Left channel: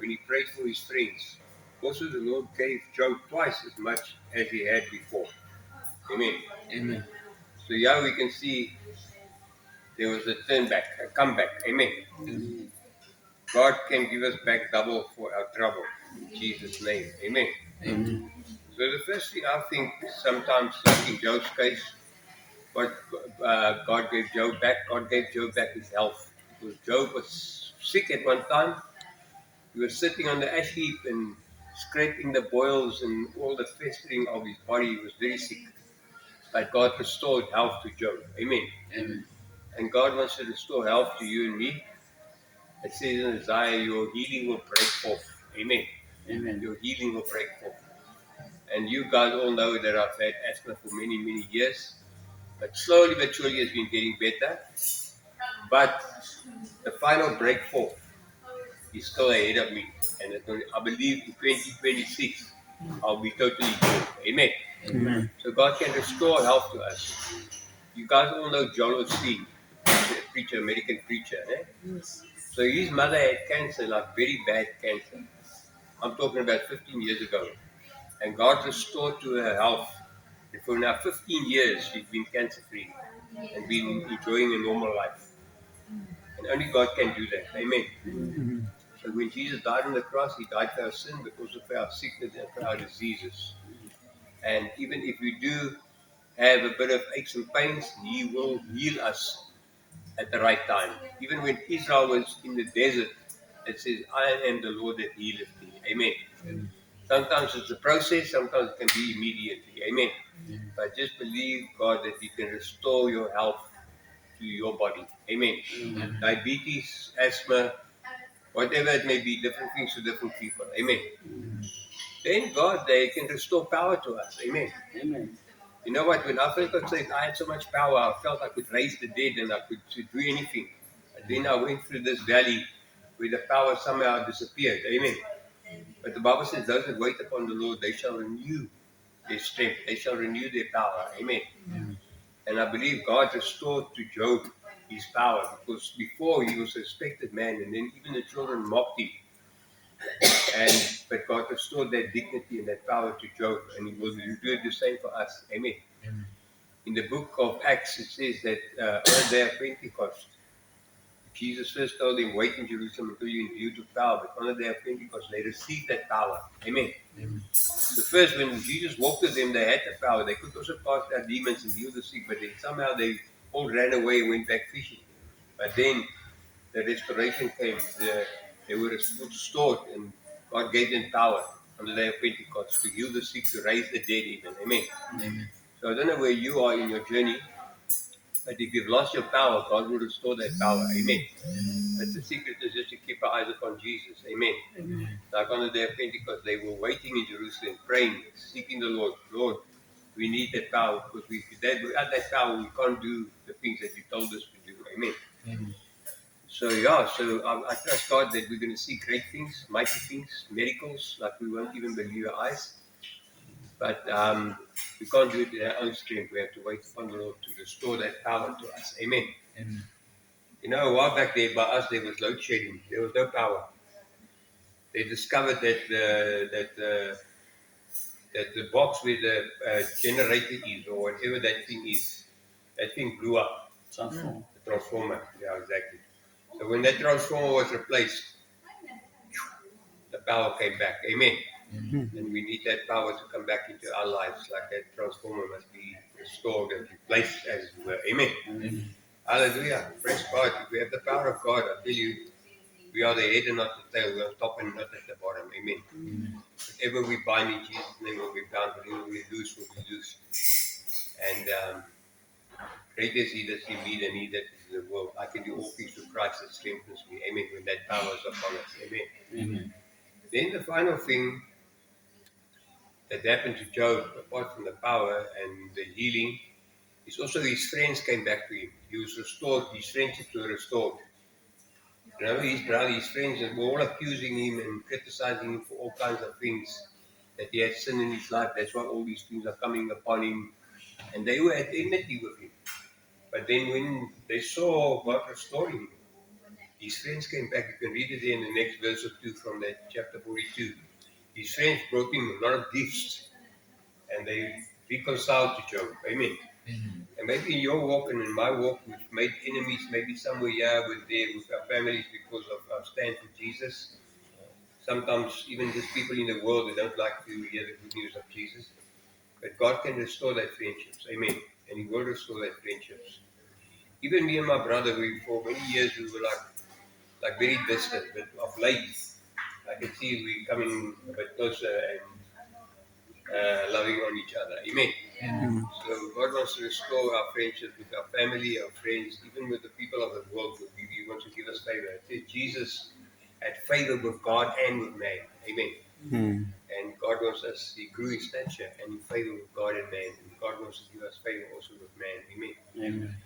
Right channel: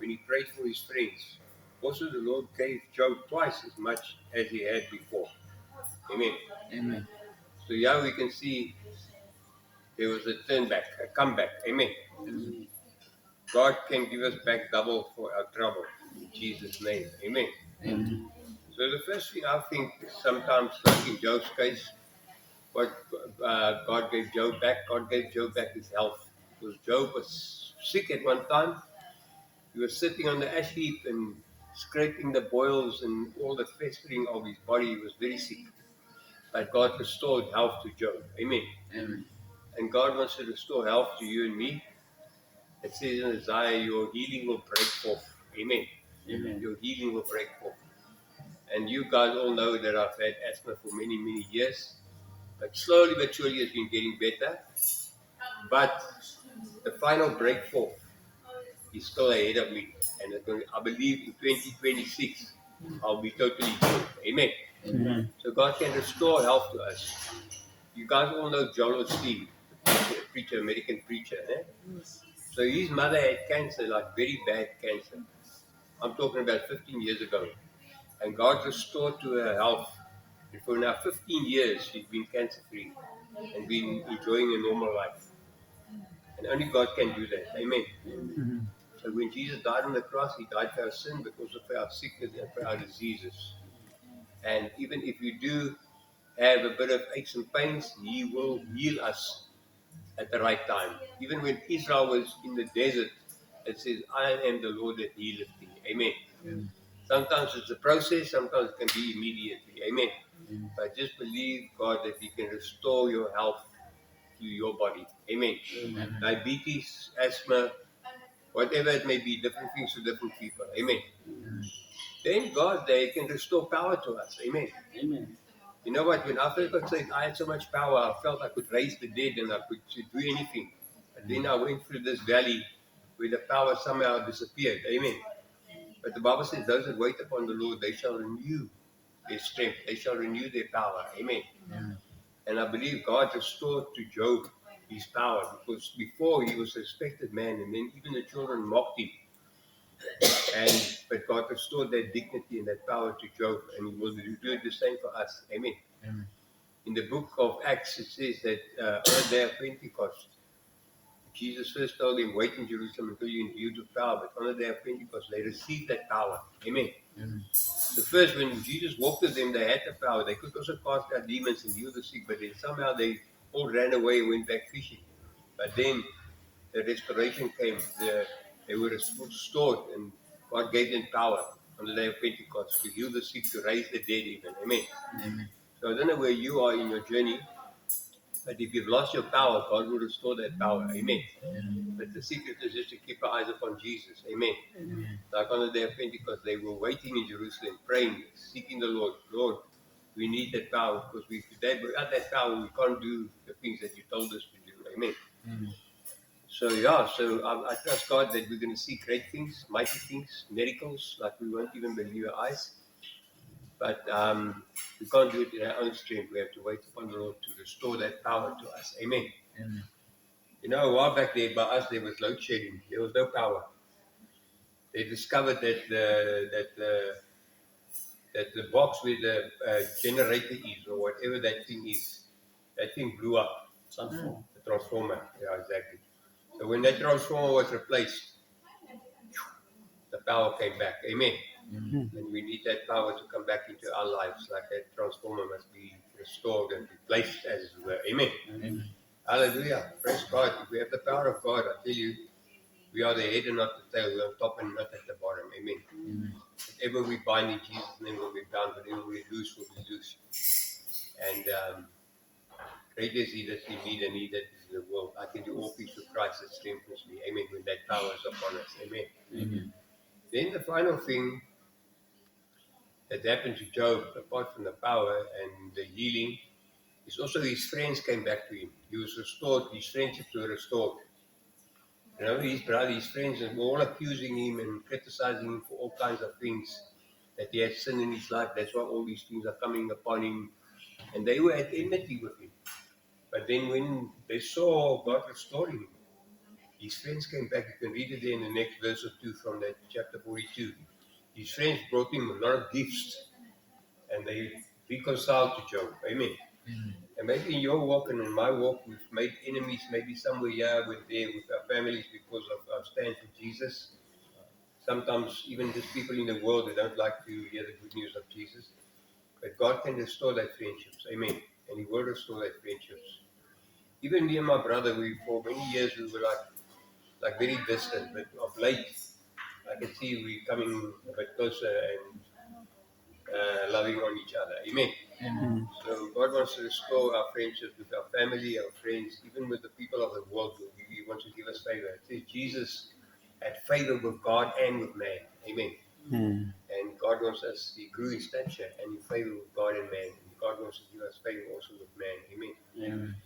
when he prayed for his friends. Also, the Lord gave Job twice as much as he had before. Amen. Amen. So here we can see there was a turn back, a comeback. Amen. Amen. God can give us back double for our trouble. In Jesus' name. Amen. Amen. So the first thing I think sometimes, like in Job's case, what God gave Job back, God gave Job back his health. Because Job was sick at one time. He was sitting on the ash heap and scraping the boils and all the festering of his body. He was very sick. But God restored health to Job. Amen. Amen. And God wants to restore health to you and me. It says in Isaiah, your healing will break forth. Amen. Amen. Your healing will break forth. And you guys all know that I've had asthma for many, many years. But slowly but surely it's been getting better. But the final break forth is still ahead of me. And it's going to, I believe in 2026, I'll be totally good. Amen. Amen. So God can restore health to us. You guys all know Joel Osteen, the preacher, American preacher. Yes. So his mother had cancer, like very bad cancer. I'm talking about 15 years ago. And God restored to her health. And for now 15 years, she's been cancer free and been enjoying a normal life. And only God can do that. Amen. Amen. So when Jesus died on the cross, he died for our sin, but also for our sickness and for our diseases. And even if we do have a bit of aches and pains, he will heal us at the right time. Even when Israel was in the desert, it says, I am the Lord that healeth thee. Amen. Amen. Sometimes it's a process, sometimes it can be immediately. Amen. Amen. But just believe, God, that he can restore your health to your body. Amen. Amen. Diabetes, asthma, whatever it may be, different things to different people. Amen. Then God, they can restore power to us. Amen. Amen. You know what? When I first got saved, I had so much power. I felt I could raise the dead and I could do anything. But then I went through this valley where the power somehow disappeared. Amen. But the Bible says, those that wait upon the Lord, they shall renew their strength. They shall renew their power. Amen. Amen. And I believe God restored to Job his power, because before he was a respected man, and then even the children mocked him. But God restored that dignity and that power to Job, and he will do the same for us. Amen. Amen. In the book of Acts, it says that on the day of Pentecost, Jesus first told them, wait in Jerusalem until you're endued with power. But on the day of Pentecost, they received that power. Amen. Amen. The first, when Jesus walked with them, they had the power. They could also cast out demons and heal the sick, but then somehow they all ran away and went back fishing. But then the restoration came. They were restored, and God gave them power on the day of Pentecost to heal the sick, to raise the dead even. Amen. Amen. So I don't know where you are in your journey, but if you've lost your power, God will restore that power. Amen. But the secret is just to keep our eyes upon Jesus. Amen. Amen. Like on the day of Pentecost, they were waiting in Jerusalem, praying, seeking the Lord. Lord, we need that power, because without that power, we can't do the things that you told us to do. Amen. Amen. So I trust God that we're going to see great things, mighty things, miracles, like we won't even believe our eyes. But we can't do it in our own strength. We have to wait upon the Lord to restore that power to us. Amen. Amen. You know, a while back there by us, there was load shedding. There was no power. They discovered that the box where the generator is, or whatever that thing is, that thing blew up. Transform. The transformer. Yeah, exactly. So when that transformer was replaced, the power came back. Amen. Amen. And we need that power to come back into our lives, like that transformer must be restored and replaced as it were. Amen. Amen. Hallelujah. Praise God. If we have the power of God, I tell you, we are the head and not the tail. We are top and not at the bottom. Amen. Amen. Whatever we bind in Jesus' name will be bound. Whatever we loose will be loose. And greater is he that's in me than he that is in the world. I can do all things through Christ that strengthens me. Amen. When that power is upon us. Amen. Amen. Then the final thing that happened to Job, apart from the power and the healing, is also his friends came back to him. He was restored. His friendships were restored. You know, his brother, his friends were all accusing him and criticizing him for all kinds of things, that he had sin in his life. That's why all these things are coming upon him. And they were at enmity with him. But then when they saw God restoring him, His friends came back. You can read it there in the next verse or two from that chapter 42. His friends brought him a lot of gifts, and they reconciled to Job. Amen. And maybe in your walk and in my walk, we've made enemies, maybe somewhere here with there with our families because of our stand for Jesus. Sometimes even just people in the world, they don't like to hear the good news of Jesus. But God can restore that friendships. Amen. And He will restore that friendships. Even me and my brother, for many years we were like very distant, but of late I can see we're coming a bit closer and loving on each other. Amen. Amen. So God wants to restore our friendships with our family, our friends, even with the people of the world. He wants to give us favor. It says Jesus had favor with God and with man. Amen. Mm. And God wants us, He grew in stature and in favor with God and man. And God wants to give us favor also with man. Amen. Amen.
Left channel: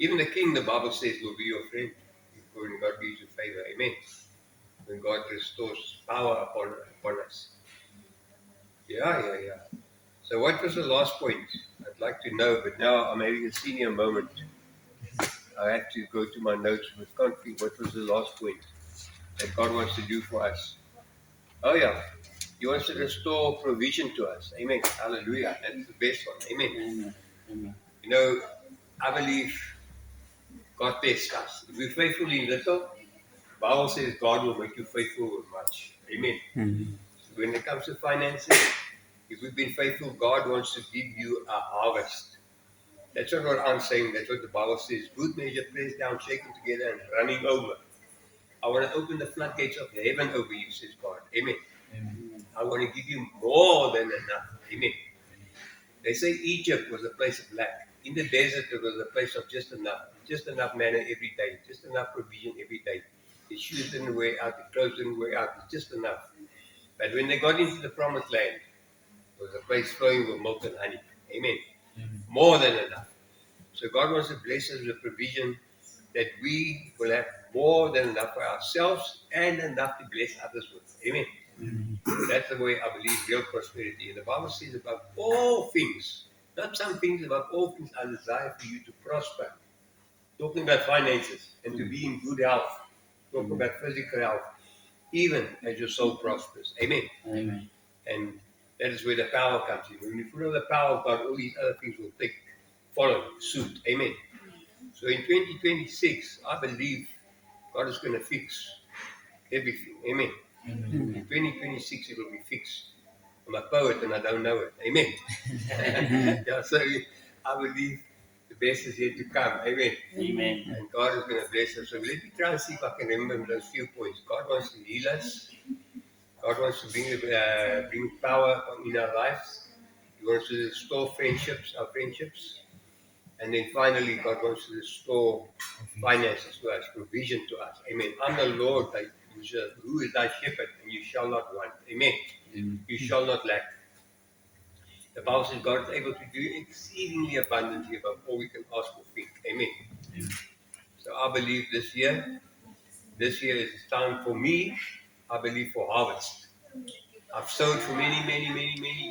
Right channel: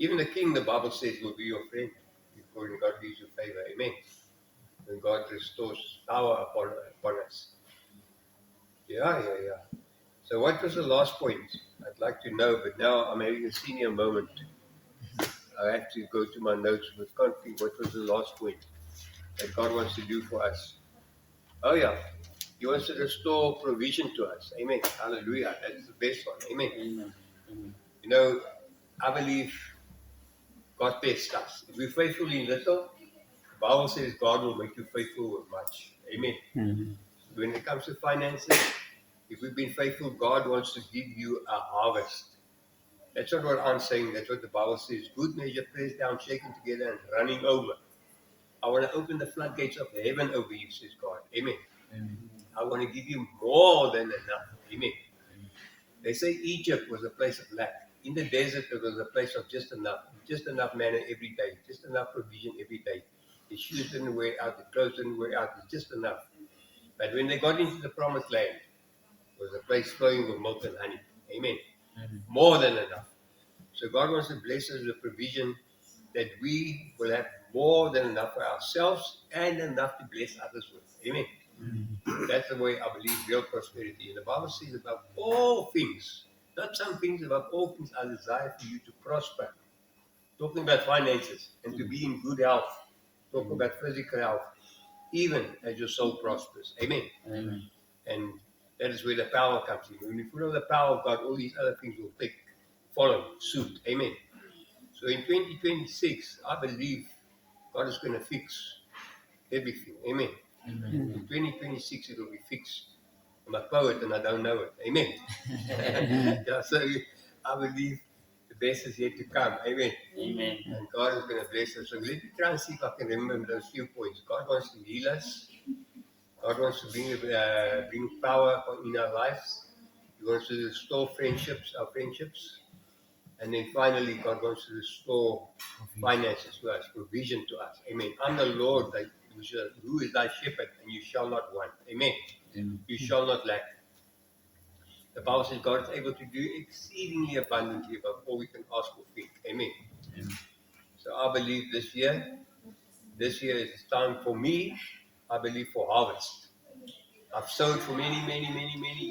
Even the king, the Bible says, will be your friend. When God gives you favor. Amen. When God restores power upon us. Yeah. So what was the last point? I'd like to know, but now I'm having a senior moment. I have to go to my notes, but can't think what was the last point that God wants to do for us. Oh yeah. He wants to restore provision to us. Amen. Hallelujah. That's the best one. Amen. Amen. Amen. You know, I believe God tests us. If we're faithful in little, the Bible says God will make you faithful with much. Amen. Mm. When it comes to finances, if we've been faithful, God wants to give you a harvest. That's not what I'm saying. That's what the Bible says. Good measure, pressed down, shaken together, and running over. I want to open the floodgates of heaven over you, says God. Amen. Amen. I want to give you more than enough. Amen. They say Egypt was a place of lack. In the desert, it was a place of just enough manna every day, just enough provision every day. The shoes didn't wear out, the clothes didn't wear out, it's just enough. But when they got into the promised land, it was a place flowing with milk and honey. Amen. Amen. More than enough. So God wants to bless us with provision that we will have more than enough for ourselves and enough to bless others with. Amen. That's the way I believe real prosperity. And the Bible says above all things, not some things, above all things, I desire for you to prosper. Talking about finances and to be in good health. Talking about physical health, even as your soul prospers. Amen. Amen. And that is where the power comes in. When you follow the power of God, all these other things will follow suit. Amen. So in 2026, I believe God is going to fix everything. Amen. Amen. In 2026, it will be fixed. I'm a poet and I don't know it. Amen. Yeah, so I believe the best is yet to come. Amen. Amen. And God is going to bless us. So let me try and see if I can remember those few points. God wants to heal us. God wants to bring power in our lives. He wants to restore our friendships. And then finally, God wants to restore finances to us, provision to us. Amen. I'm the Lord who is thy shepherd, and you shall not want. Amen. Amen. You shall not lack. The Bible says God is able to do exceedingly abundantly above all we can ask or think. Amen. Amen. So I believe this year is time for me, I believe, for harvest. I've sown for many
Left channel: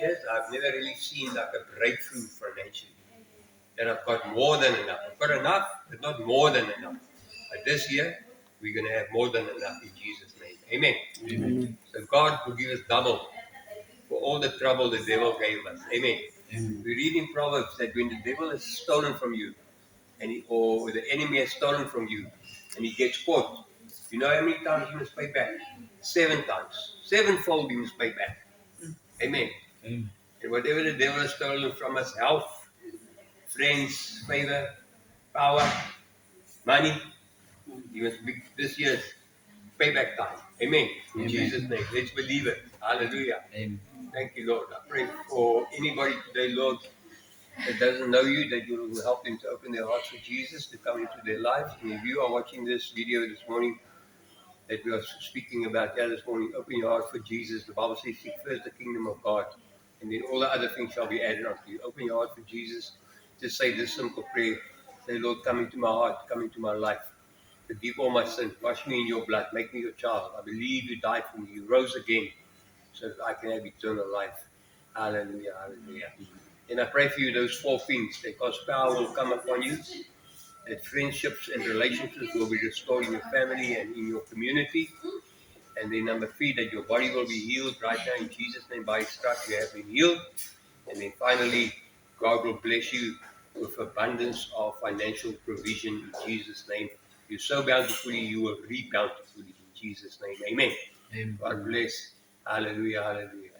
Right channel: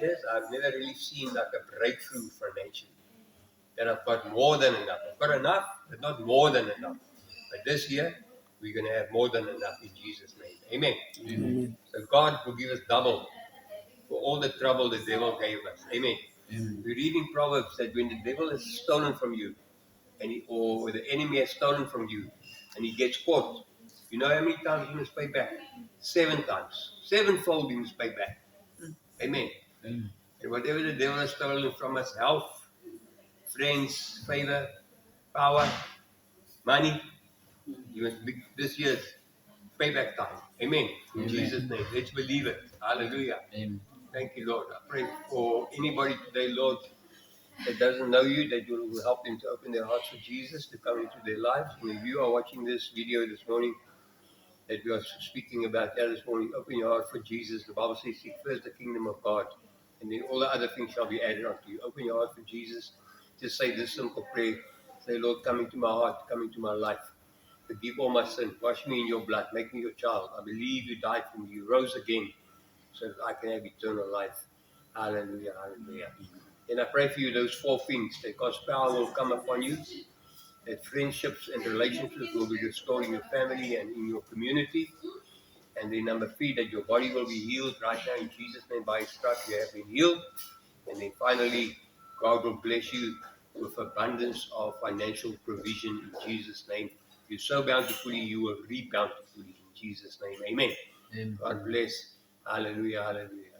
years. I've never really seen like a breakthrough financially. That I've got more than enough. I've got enough, but not more than enough. But this year, we're going to have more than enough in Jesus' name. Amen. Amen. So God will give us double for all the trouble the devil gave us. Amen. Amen. We read in Proverbs that when the devil has stolen from you, or the enemy has stolen from you, and he gets caught, you know how many times you must pay back? 7 times. Sevenfold you must pay back. Amen. Amen. And whatever the devil has stolen from us, health, friends, favor, power, money, you must be this year's payback time. Amen. In Amen. Jesus' name. Let's believe it. Hallelujah. Amen. Thank you, Lord. I pray for anybody today, Lord, that doesn't know you, that you will help them to open their hearts for Jesus, to come into their lives. And if you are watching this video this morning, that we are speaking about this morning, open your heart for Jesus. The Bible says, seek first the kingdom of God, and then all the other things shall be added unto you. Open your heart for Jesus. Just say this simple prayer. Say, Lord, come into my heart, come into my life. Forgive all my sins. Wash me in your blood. Make me your child. I believe you died for me. You rose again so that I can have eternal life. Hallelujah, hallelujah. And I pray for you those 4 things, that God's power will come upon you, that friendships and relationships will be restored in your family and in your community. And then number 3, that your body will be healed right now in Jesus' name. By His stripes you have been healed. And then finally, God will bless you with abundance of financial provision in Jesus' name. You sow bountifully, you will reap bountifully in Jesus' name. Amen. Amen. God bless. Hallelujah, hallelujah.